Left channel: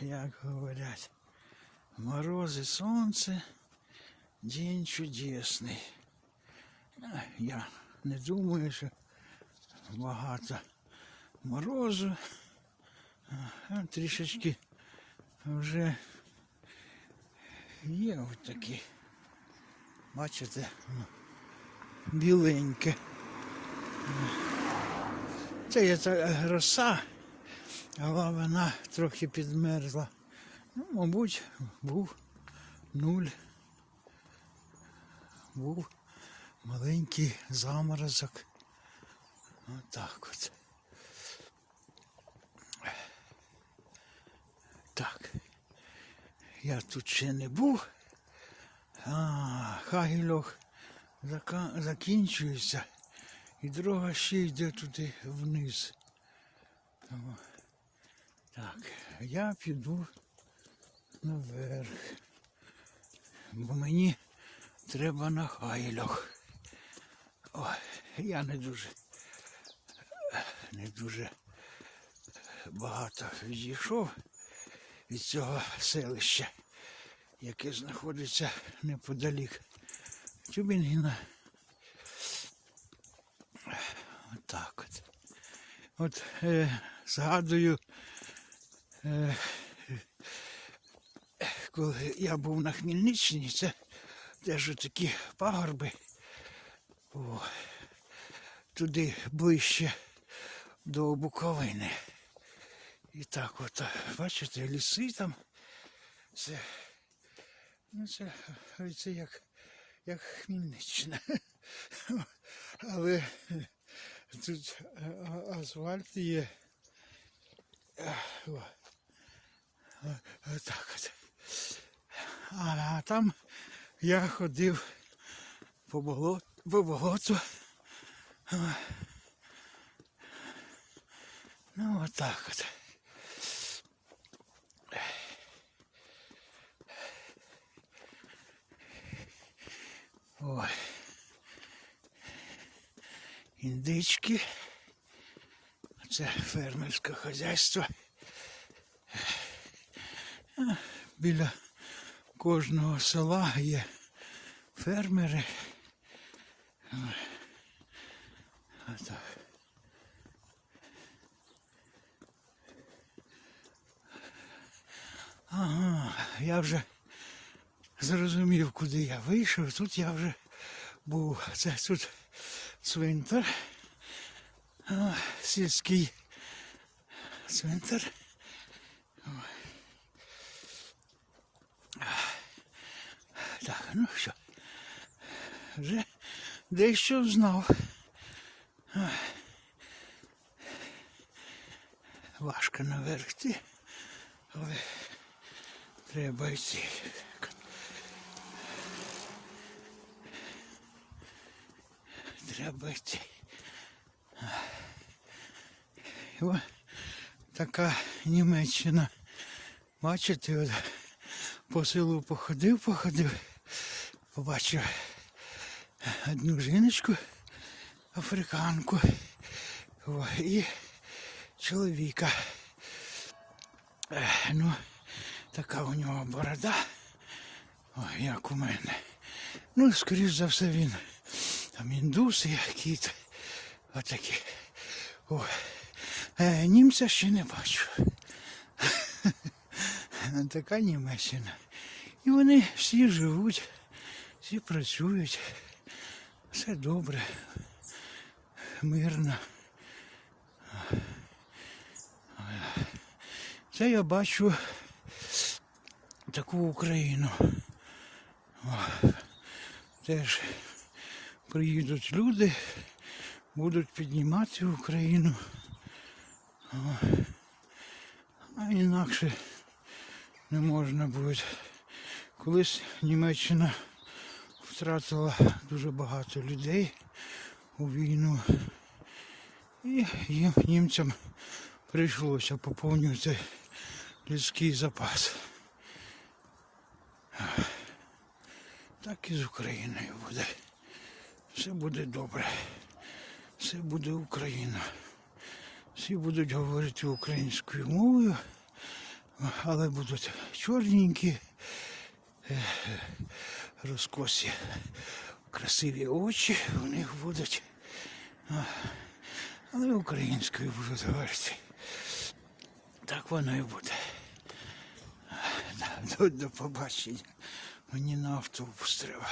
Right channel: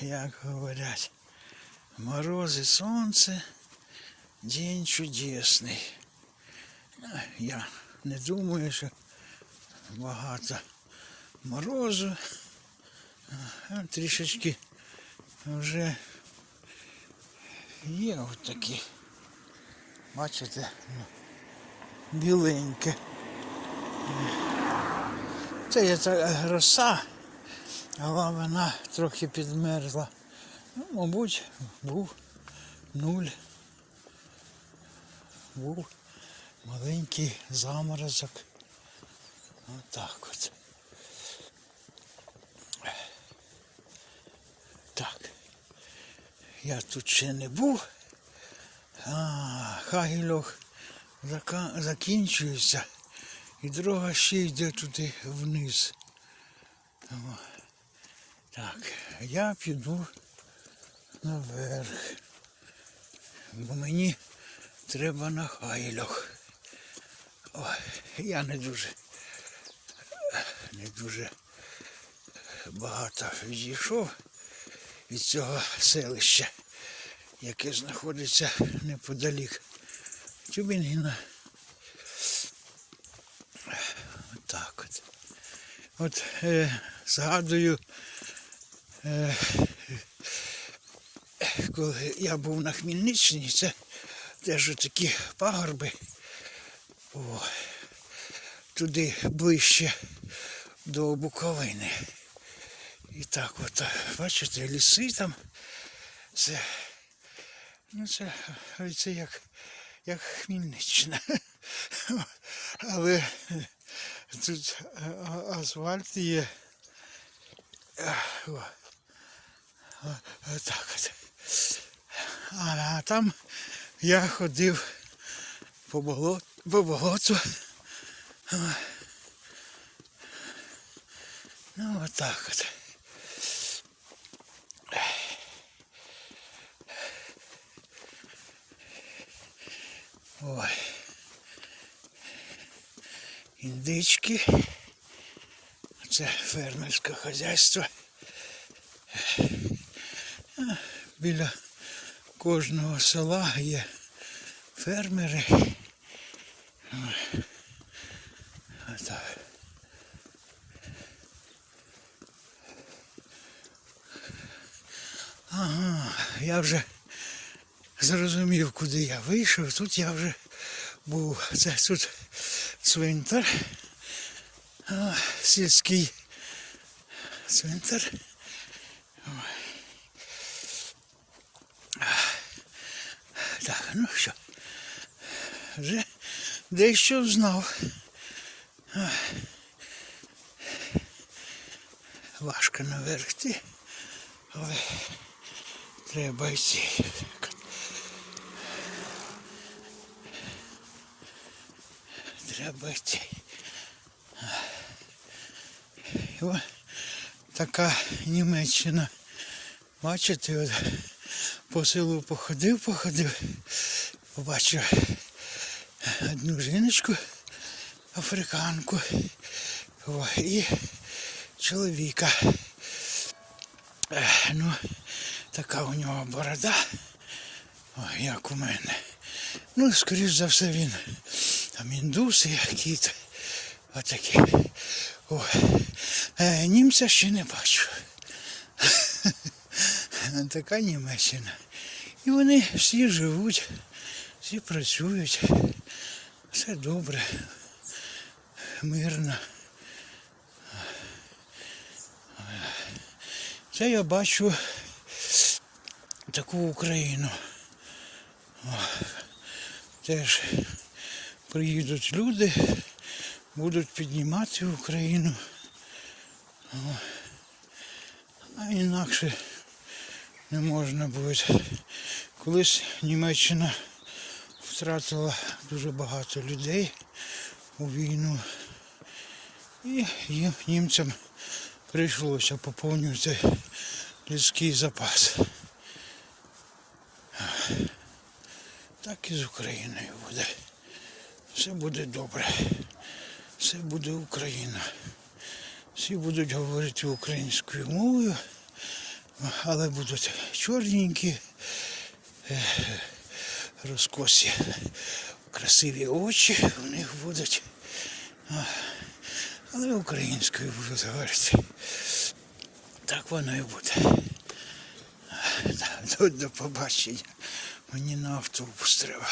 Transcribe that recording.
як говорять, морози, сонце, день чудесний. А, Я не думаю, що багато морозу. А трішечки вже є от такі. Бачите, ну, біленьке. Це є та роса, Але вона трохи підмерзла. Ну, мабуть, був нуль. Був маленький заморозок. Отак от. Так. Я тут ще не був. А, Хагільох закінчується. І дорога ще йде туди вниз. Так, я піду наверх. Бо мені треба на хайлох. Ой, я не дуже, не дуже багато відійшов від цього селища, яке знаходиться неподалік Тюбінгіна. Отак от. От е, згадую, коли я був на Хмельниччині, це теж такі пагорби. О, туди ближче до Буковини. І так от, бачите, ліси там. Це, ну це, це як, як Хмельниччина. Але тут асфальт є. О. Так. А, там я ходив по болоту, по болоту. Ну, отак от. Ой. Індички. Це фермерське хазяйство. Біля кожного села є фермери. Ага, я вже зрозумів, куди я вийшов. Тут я вже був. Це тут цвинтар. Сільський цвинтар. Ой. А, Так, ну що. Вже дещо знав. Важко наверх йти, але треба йти. Треба йти. О, така Німеччина. Бачите, по селу походив, походив, побачив одну жіночку, африканку і чоловіка. Е, Ну, така у нього борода, як у мене. Ну, скоріш за все він там індуси якісь. Отакі. О, е, німця ще не бачу. Така Німеччина. І вони всі живуть, всі працюють. Все добре, мирно. Це я бачу таку Україну. Теж приїдуть люди, будуть піднімати Україну. А інакше не можна буде. Колись Німеччина втратила дуже багато людей у війну. І їм німцям прийшлося поповнювати людський запас. Так і з Україною буде. Все буде добре. Все буде Україна. Всі будуть говорити українською мовою, Але будуть чорненькі, розкосі, красиві очі у них будуть. Але українською будуть говорити. Так воно і буде. До побачення. Мені на автобус треба.